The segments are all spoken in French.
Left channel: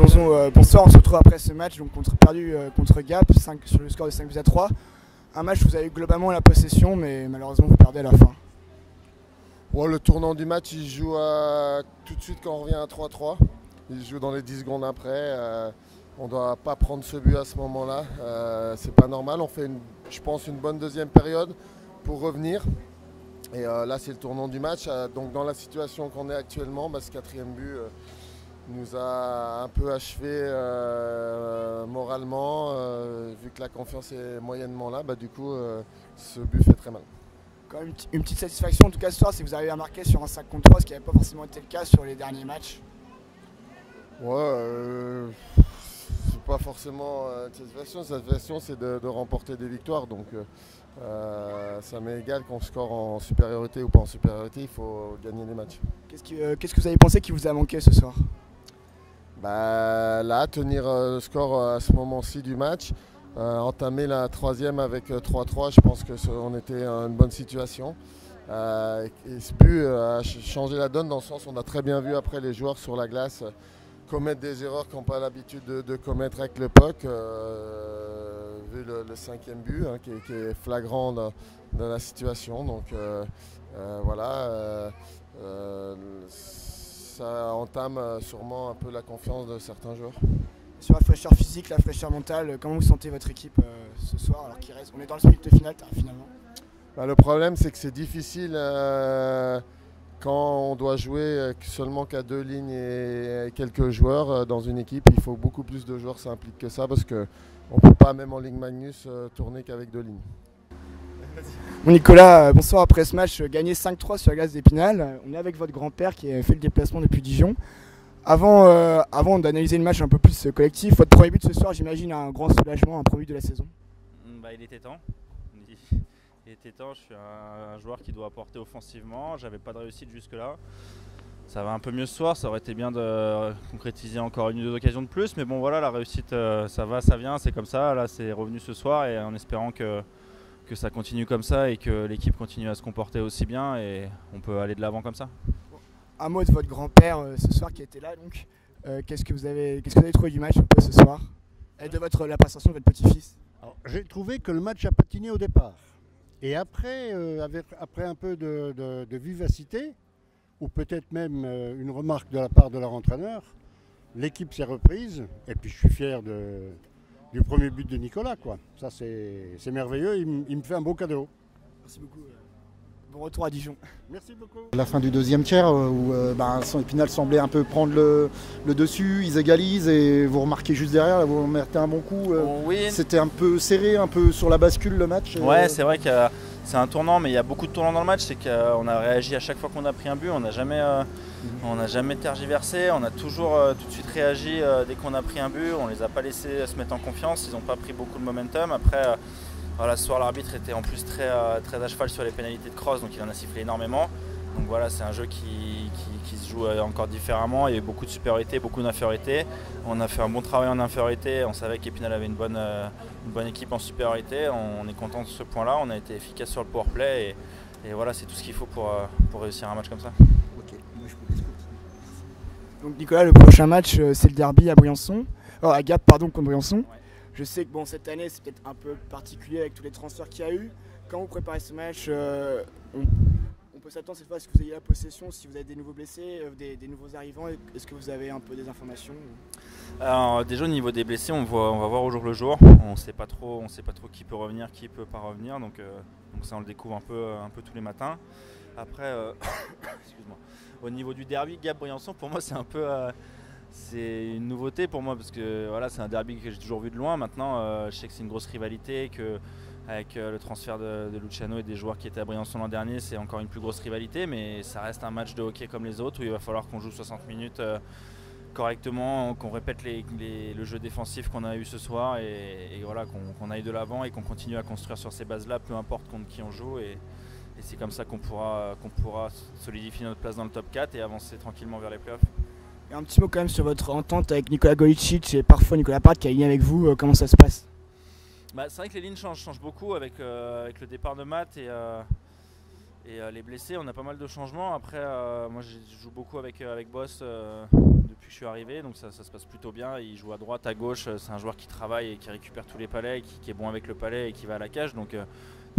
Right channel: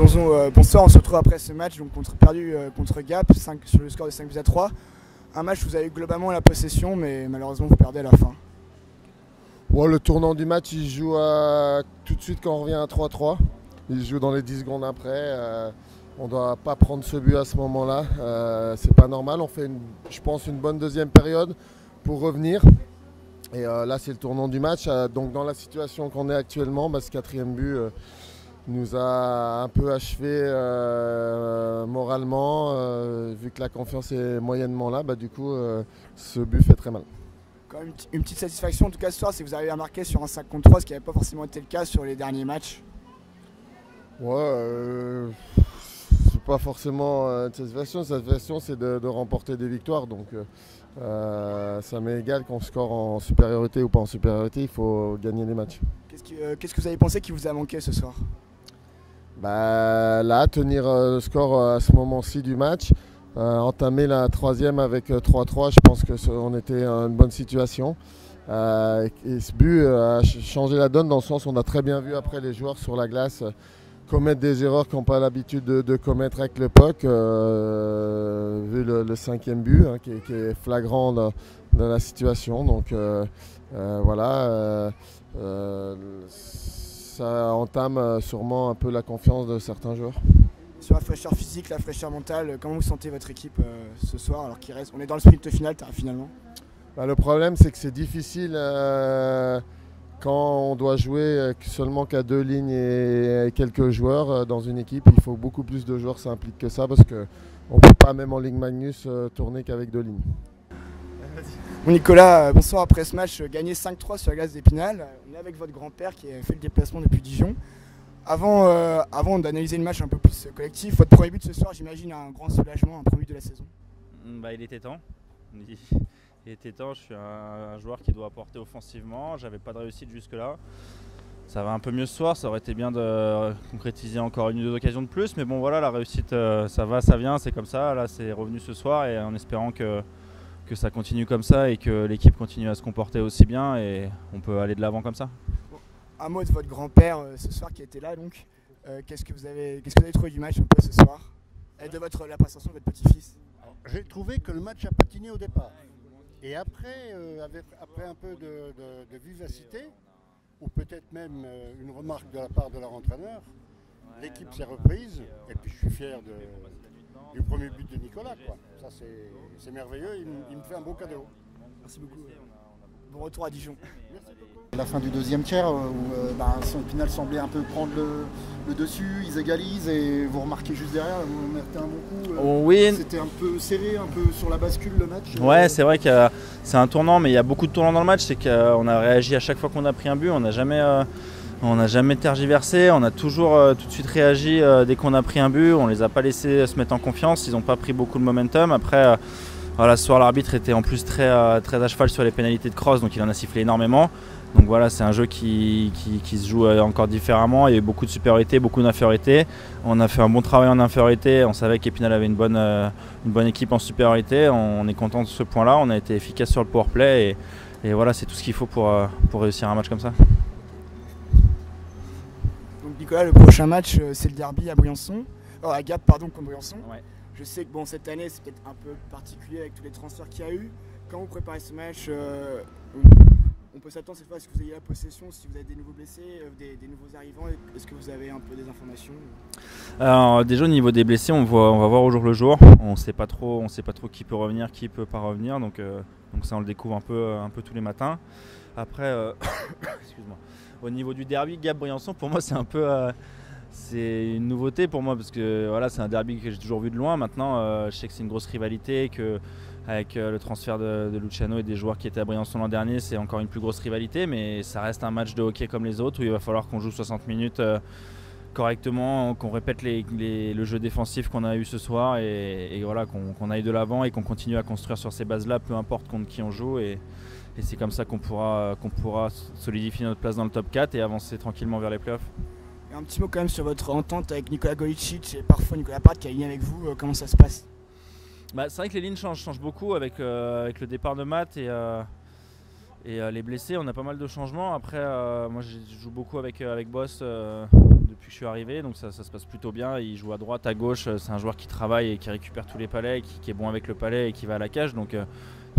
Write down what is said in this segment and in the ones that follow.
Bonsoir, on se retrouve après ce match donc perdu contre Gap sur le score de 5-3. Un match où vous avez eu globalement la possession, mais malheureusement vous perdez à la fin. Ouais, le tournant du match, il joue tout de suite quand on revient à 3-3. Il joue dans les 10 secondes après. On ne doit pas prendre ce but à ce moment-là. C'est pas normal. On fait, je pense, une bonne deuxième période pour revenir. Et là, c'est le tournant du match. Donc, dans la situation qu'on est actuellement, ce quatrième but nous a un peu achevé moralement. Vu que la confiance est moyennement là, du coup, ce but fait très mal. Quand même une petite satisfaction en tout cas ce soir, c'est que vous arrivez à marquer sur un 5 contre 3, ce qui n'avait pas forcément été le cas sur les derniers matchs. Ouais, c'est pas forcément une satisfaction. Cette satisfaction, c'est de remporter des victoires. Donc, ça m'est égal qu'on score en supériorité ou pas en supériorité, il faut gagner des matchs. Qu'est-ce que vous avez pensé qui vous a manqué ce soir? Là, tenir le score à ce moment-ci du match, entamer la troisième avec 3-3, je pense qu'on était en une bonne situation. Et ce but a changé la donne dans le sens où on a très bien vu après les joueurs sur la glace commettre des erreurs qu'ils n'ont pas l'habitude de commettre avec le puck, vu le cinquième but qui est flagrant dans la situation. Donc voilà, ça entame sûrement un peu la confiance de certains joueurs. Sur la fraîcheur physique, la fraîcheur mentale, comment vous sentez votre équipe ce soir alors qu'il reste, on est dans le sprint final finalement? Le problème, c'est que c'est difficile quand on doit jouer seulement qu'à 2 lignes et quelques joueurs dans une équipe. Il faut beaucoup plus de joueurs s'impliquent que ça parce qu'on ne peut pas, même en Ligue Magnus, tourner qu'avec 2 lignes. Bon Nicolas, bonsoir. Après ce match, gagné 5-3 sur la glace d'Épinal. On est avec votre grand-père qui a fait le déplacement depuis Dijon. Avant d'analyser le match un peu plus collectif, votre premier but ce soir, j'imagine un grand soulagement, un premier but de la saison. Il était temps. Il était temps, je suis un joueur qui doit apporter offensivement, j'avais pas de réussite jusque-là. Ça va un peu mieux ce soir, ça aurait été bien de concrétiser encore une ou deux occasions de plus, mais bon voilà, la réussite ça va, ça vient, c'est comme ça. Là c'est revenu ce soir et en espérant que ça continue comme ça et que l'équipe continue à se comporter aussi bien et on peut aller de l'avant comme ça. Un mot de votre grand-père ce soir qui était là donc. Qu'est-ce que vous avez trouvé du match un peu ce soir et de la prestation de votre petit-fils? J'ai trouvé que le match a patiné au départ. Et après, après un peu de vivacité, ou peut-être même une remarque de la part de leur entraîneur, l'équipe s'est reprise. Et puis je suis fier du premier but de Nicolas, quoi. Ça c'est merveilleux, il me fait un beau cadeau. Merci beaucoup. Bon retour à Dijon. Merci beaucoup. La fin du deuxième tiers où Épinal semblait un peu prendre le dessus, ils égalisent et vous remarquez juste derrière, là, vous mettez un bon coup. Oui. C'était un peu serré, un peu sur la bascule le match. Ouais, c'est vrai que c'est un tournant, mais il y a beaucoup de tournants dans le match. C'est qu'on a réagi à chaque fois qu'on a pris un but, on n'a jamais tergiversé, on a toujours tout de suite réagi dès qu'on a pris un but. On les a pas laissés se mettre en confiance, ils n'ont pas pris beaucoup de momentum. Après. Voilà, ce soir l'arbitre était en plus très à cheval sur les pénalités de cross, donc il en a sifflé énormément. Donc voilà, c'est un jeu qui se joue encore différemment. Il y a eu beaucoup de supériorité, beaucoup d'infériorité. On a fait un bon travail en infériorité. On savait qu'Épinal avait une bonne équipe en supériorité. On est content de ce point-là. On a été efficace sur le powerplay et voilà, c'est tout ce qu'il faut pour réussir un match comme ça. Donc Nicolas, le prochain match, c'est le derby à Briançon. À Gap, pardon, contre Briançon. Ouais. Je sais que cette année c'est peut-être un peu particulier avec tous les transferts qu'il y a eu. Quand vous préparez ce match, on peut s'attendre cette fois à ce que vous ayez la possession, si vous avez des nouveaux blessés, des nouveaux arrivants. Est-ce que vous avez un peu des informations? Alors déjà au niveau des blessés, on va voir au jour le jour. On sait pas trop qui peut revenir, qui peut pas revenir. Donc ça on le découvre un peu tous les matins. Après, excuse-moi. Au niveau du derby Gap-Briançon, pour moi c'est un peu c'est une nouveauté pour moi parce que voilà, c'est un derby que j'ai toujours vu de loin. Maintenant, je sais que c'est une grosse rivalité, qu'avec le transfert de Luciano et des joueurs qui étaient à Briançon l'an dernier, c'est encore une plus grosse rivalité, mais ça reste un match de hockey comme les autres où il va falloir qu'on joue 60 minutes correctement, qu'on répète le jeu défensif qu'on a eu ce soir et voilà, qu'on aille de l'avant et qu'on continue à construire sur ces bases-là, peu importe contre qui on joue. Et c'est comme ça qu'on pourra solidifier notre place dans le top 4 et avancer tranquillement vers les playoffs. Et un petit mot quand même sur votre entente avec Nicolas Golicic et parfois Nicolas Part qui a ligné avec vous, comment ça se passe? C'est vrai que les lignes changent beaucoup avec le départ de Matt Et les blessés, on a pas mal de changements. Après, moi je joue beaucoup avec Boss depuis que je suis arrivé, donc ça se passe plutôt bien. Il joue à droite, à gauche, c'est un joueur qui travaille et qui récupère tous les palets, qui est bon avec le palet et qui va à la cage. Donc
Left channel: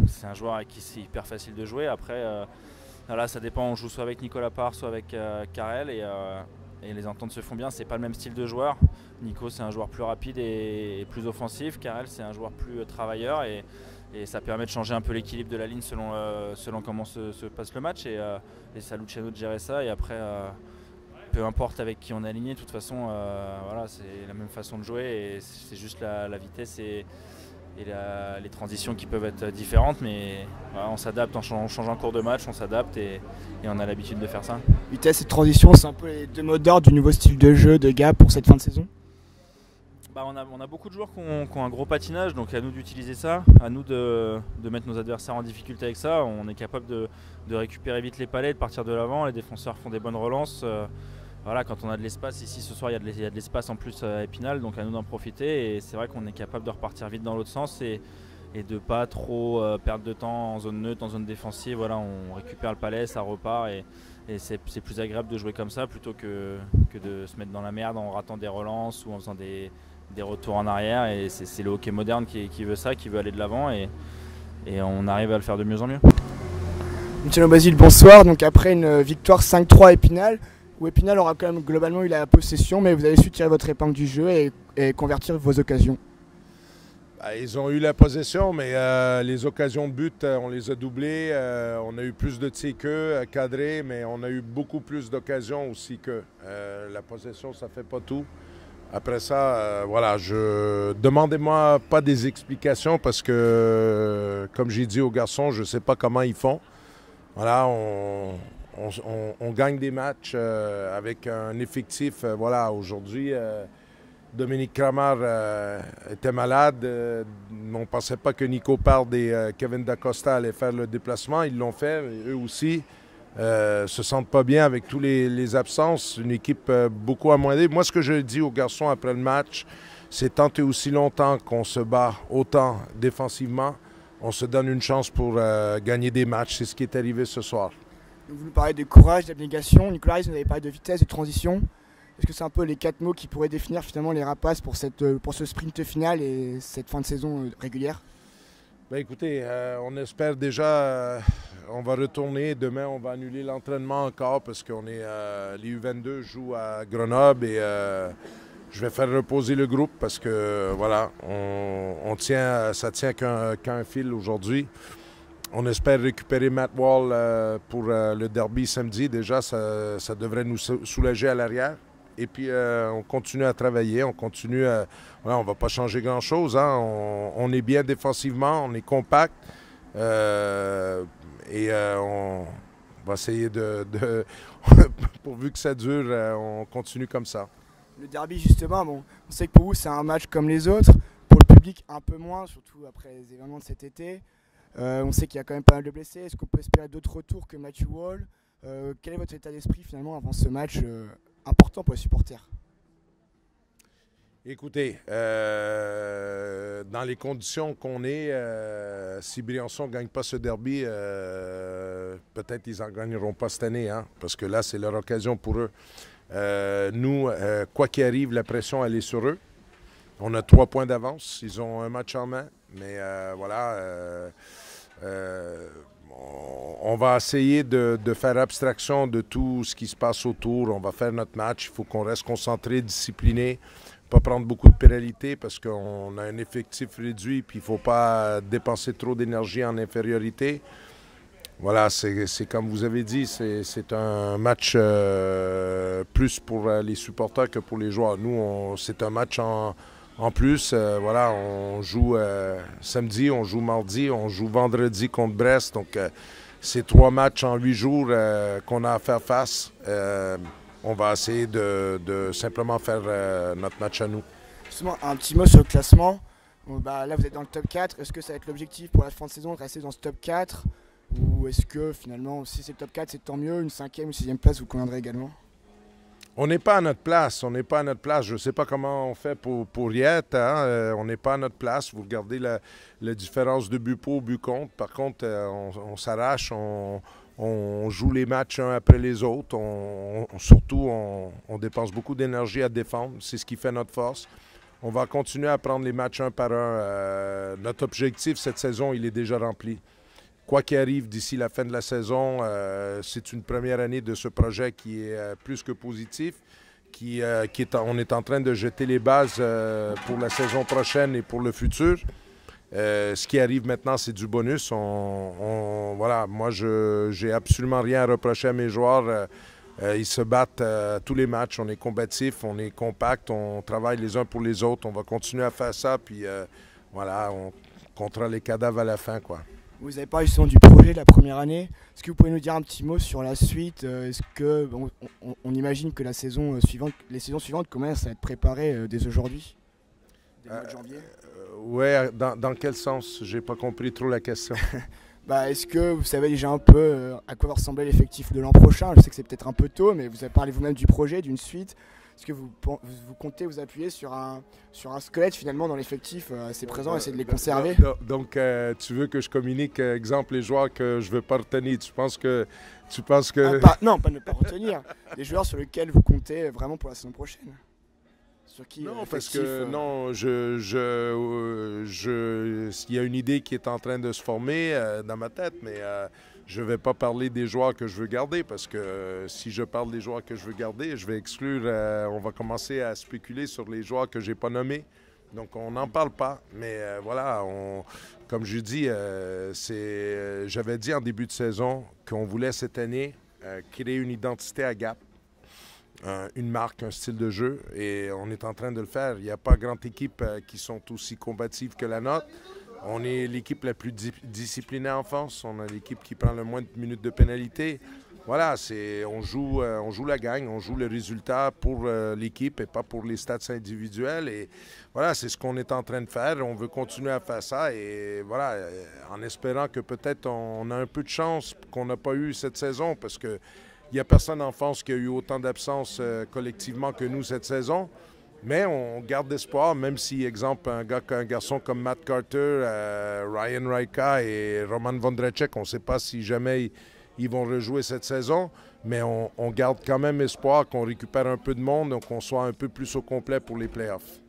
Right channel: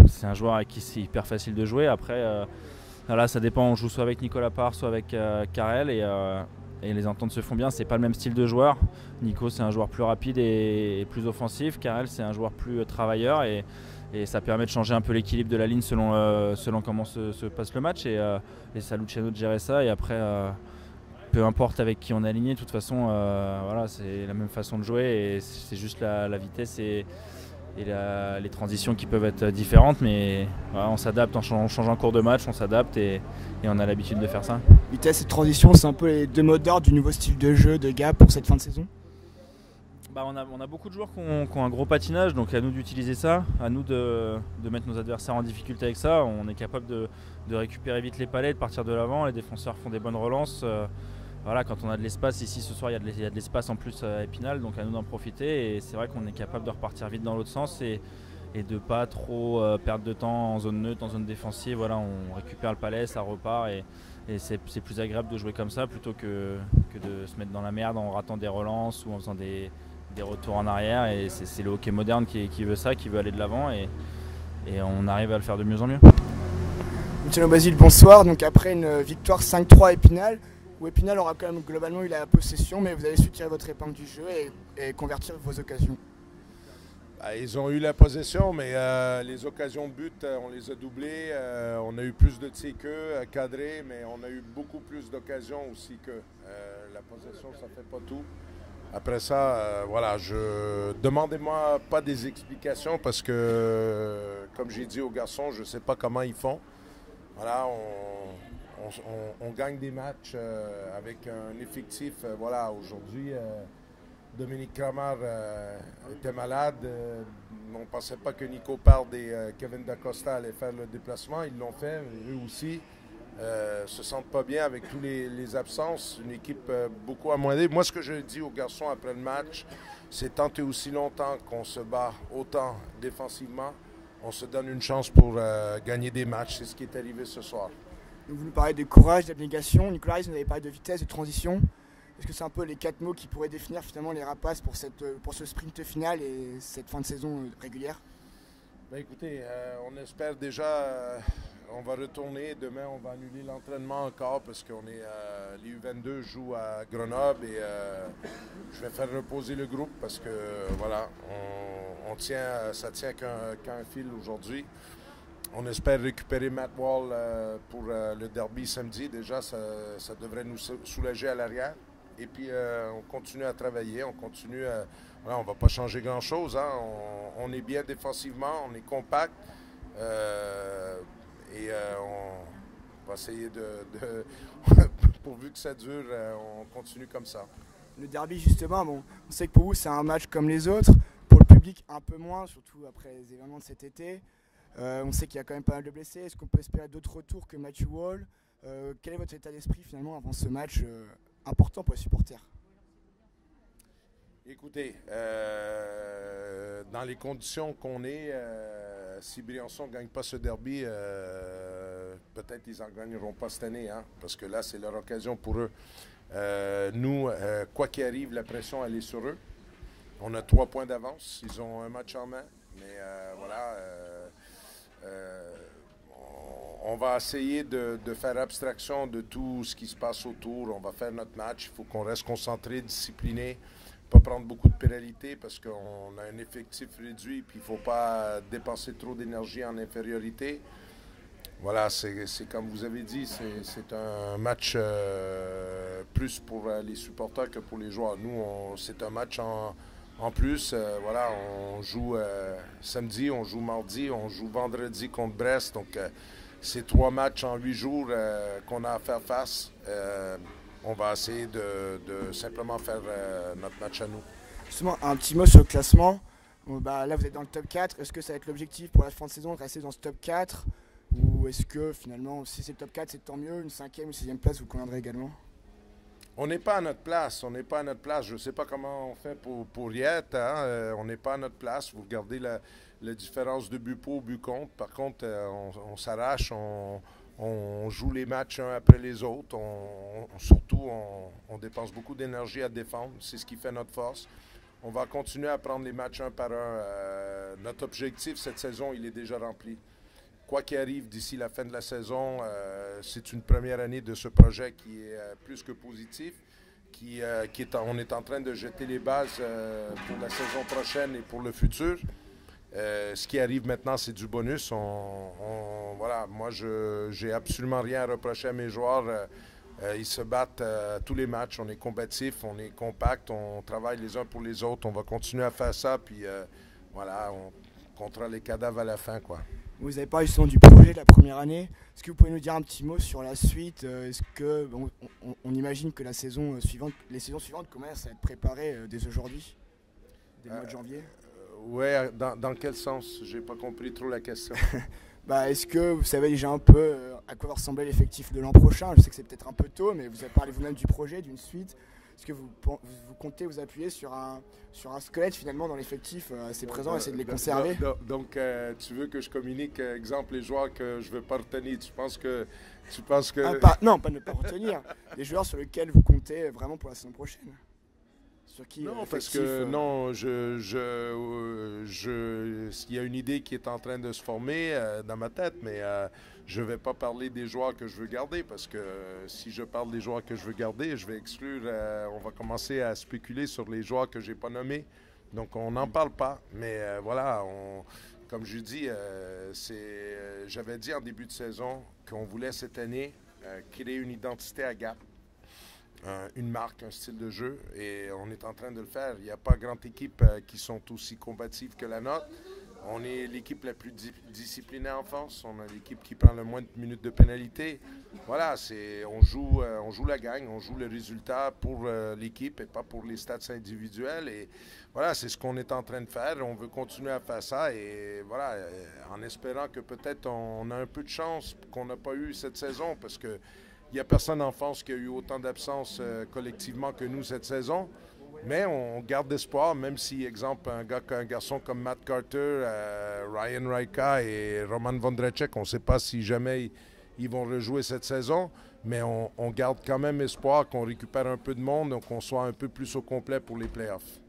c'est un joueur avec qui c'est hyper facile de jouer. Après, voilà, ça dépend, on joue soit avec Nicolas Parr, soit avec Karel et les ententes se font bien. C'est pas le même style de joueur. Nico c'est un joueur plus rapide et plus offensif. Karel c'est un joueur plus travailleur et ça permet de changer un peu l'équilibre de la ligne selon comment se passe le match et c'est à Luciano de gérer ça et après peu importe avec qui on est aligné, de toute façon voilà, c'est la même façon de jouer et c'est juste la vitesse et les transitions qui peuvent être différentes, mais voilà, on s'adapte, on change en cours de match, on s'adapte et on a l'habitude de faire ça. Vitesse et transition, c'est un peu les deux mots d'ordre du nouveau style de jeu de Gap pour cette fin de saison. On a beaucoup de joueurs qui ont un gros patinage, donc à nous d'utiliser ça, à nous de mettre nos adversaires en difficulté avec ça. On est capable de récupérer vite les palets, de partir de l'avant, les défenseurs font des bonnes relances. Voilà, quand on a de l'espace, ici ce soir il y a de l'espace en plus à Épinal, donc à nous d'en profiter. Et c'est vrai qu'on est capable de repartir vite dans l'autre sens et de ne pas trop perdre de temps en zone neutre, en zone défensive. Voilà, on récupère le palais, ça repart et c'est plus agréable de jouer comme ça plutôt que de se mettre dans la merde en ratant des relances ou en faisant des retours en arrière. Et c'est le hockey moderne qui veut ça, qui veut aller de l'avant et on arrive à le faire de mieux en mieux. Luciano Basile, bonsoir. Donc après une victoire 5-3 à Épinal, où Épinal aura quand même globalement eu la possession, mais vous avez su tirer votre épingle du jeu et convertir vos occasions. Ils ont eu la possession, mais les occasions de but, on les a doublées. On a eu plus de tirs qu'eux, cadrés, mais on a eu beaucoup plus d'occasions aussi qu'eux. La possession, ça ne fait pas tout. Après ça, voilà, demandez-moi pas des explications parce que, comme j'ai dit aux garçons, je ne sais pas comment ils font. Voilà, on gagne des matchs avec un effectif. Voilà, aujourd'hui, Dominique Kramer était malade. On ne pensait pas que Nico Parr et Kevin Dacosta allaient faire le déplacement. Ils l'ont fait, eux aussi. Se sentent pas bien avec tous les absences. Une équipe beaucoup amoindrie. Moi, ce que je dis aux garçons après le match, c'est tant et aussi longtemps qu'on se bat autant défensivement, on se donne une chance pour gagner des matchs. C'est ce qui est arrivé ce soir. Vous nous parlez de courage, d'abnégation. Nicolas Rice, vous avez parlé de vitesse, de transition. Est-ce que c'est un peu les 4 mots qui pourraient définir finalement les Rapaces pour ce sprint final et cette fin de saison régulière? Écoutez, on espère déjà, on va retourner. Demain, on va annuler l'entraînement encore parce qu'on est les U22 jouent à Grenoble et je vais faire reposer le groupe parce que voilà, ça tient qu'un fil aujourd'hui. On espère récupérer Matt Wall pour le derby samedi. Déjà, ça devrait nous soulager à l'arrière. Et puis, on continue à travailler, on continue à... Voilà, on ne va pas changer grand-chose. Hein. On est bien défensivement, on est compact. On va essayer pourvu que ça dure, on continue comme ça. Le derby, justement, bon, on sait que pour vous, c'est un match comme les autres. Pour le public, un peu moins, surtout après les événements de cet été. On sait qu'il y a quand même pas mal de blessés. Est-ce qu'on peut espérer d'autres retours que Matthew Wall? Quel est votre état d'esprit, finalement, avant ce match important pour les supporters? Écoutez, dans les conditions qu'on est, si Briançon ne gagne pas ce derby, peut-être ils n'en gagneront pas cette année, hein, parce que là, c'est leur occasion pour eux. Nous, quoi qu'il arrive, la pression, elle est sur eux. On a 3 points d'avance. Ils ont un match en main. Mais voilà, on va essayer de faire abstraction de tout ce qui se passe autour. On va faire notre match. Il faut qu'on reste concentré, discipliné. Pas prendre beaucoup de pénalités parce qu'on a un effectif réduit puis il ne faut pas dépenser trop d'énergie en infériorité. Voilà, c'est comme vous avez dit, c'est un match plus pour les supporters que pour les joueurs. Nous, c'est un match en plus. Voilà, on joue samedi, on joue mardi, on joue vendredi contre Brest. Donc, c'est 3 matchs en 8 jours qu'on a à faire face. On va essayer de simplement faire notre match à nous. Justement, un petit mot sur le classement. Là, vous êtes dans le top 4. Est-ce que ça va être l'objectif pour la fin de saison de rester dans ce top 4? Ou est-ce que finalement, si c'est le top 4, c'est tant mieux, une 5e ou 6e place vous conviendrait également? On n'est pas à notre place. On n'est pas à notre place. Je ne sais pas comment on fait pour y être. Hein. On n'est pas à notre place. Vous regardez la différence de but pour, but contre. Par contre, on s'arrache. On joue les matchs un après les autres. Surtout, on dépense beaucoup d'énergie à défendre. C'est ce qui fait notre force. On va continuer à prendre les matchs un par un. Notre objectif cette saison, il est déjà rempli. Quoi qu'il arrive d'ici la fin de la saison, c'est une première année de ce projet qui est plus que positif. On est en train de jeter les bases pour la saison prochaine et pour le futur. Ce qui arrive maintenant, c'est du bonus. Voilà, moi, j'ai absolument rien à reprocher à mes joueurs. Ils se battent tous les matchs. On est combatifs, on est compact, on travaille les uns pour les autres. On va continuer à faire ça. Puis voilà, on comptera les cadavres à la fin, quoi. Vous avez parlé justement du projet de la première année. Est-ce que vous pouvez nous dire un petit mot sur la suite? Est-ce que on imagine que les saisons suivantes commencent à être préparées dès aujourd'hui, dès le mois de janvier? Ouais, dans quel sens? J'ai pas compris trop la question. Est-ce que vous savez déjà un peu à quoi va ressembler l'effectif de l'an prochain? Je sais que c'est peut-être un peu tôt, mais vous avez parlé vous-même du projet, d'une suite. Est-ce que vous comptez vous appuyer sur un squelette finalement dans l'effectif assez présent et essayer de les conserver? Donc, tu veux que je communique, exemple, les joueurs que je ne veux pas retenir. Tu penses que... Non, pas ne pas retenir. Les joueurs sur lesquels vous comptez vraiment pour la saison prochaine. Sur qui, non, parce que non, il y a une idée qui est en train de se former dans ma tête, mais je ne vais pas parler des joueurs que je veux garder parce que si je parle des joueurs que je veux garder, je vais exclure, on va commencer à spéculer sur les joueurs que je n'ai pas nommés. Donc, on n'en parle pas. Mais voilà, comme je dis, j'avais dit en début de saison qu'on voulait cette année créer une identité à Gap. Une marque, un style de jeu, et on est en train de le faire. Il n'y a pas grande équipe qui sont aussi combatives que la nôtre. On est l'équipe la plus disciplinée en France. On a l'équipe qui prend le moins de minutes de pénalité. Voilà, on joue la gagne, on joue le résultat pour l'équipe et pas pour les stats individuels. Et voilà, c'est ce qu'on est en train de faire. On veut continuer à faire ça et voilà, en espérant que peut-être on a un peu de chance qu'on n'a pas eu cette saison parce que il n'y a personne en France qui a eu autant d'absences collectivement que nous cette saison. Mais on garde espoir, même si, exemple, un garçon comme Matt Carter, Ryan Raika et Roman Vondracek, on ne sait pas si jamais ils vont rejouer cette saison. Mais on garde quand même espoir qu'on récupère un peu de monde, donc qu'on soit un peu plus au complet pour les playoffs.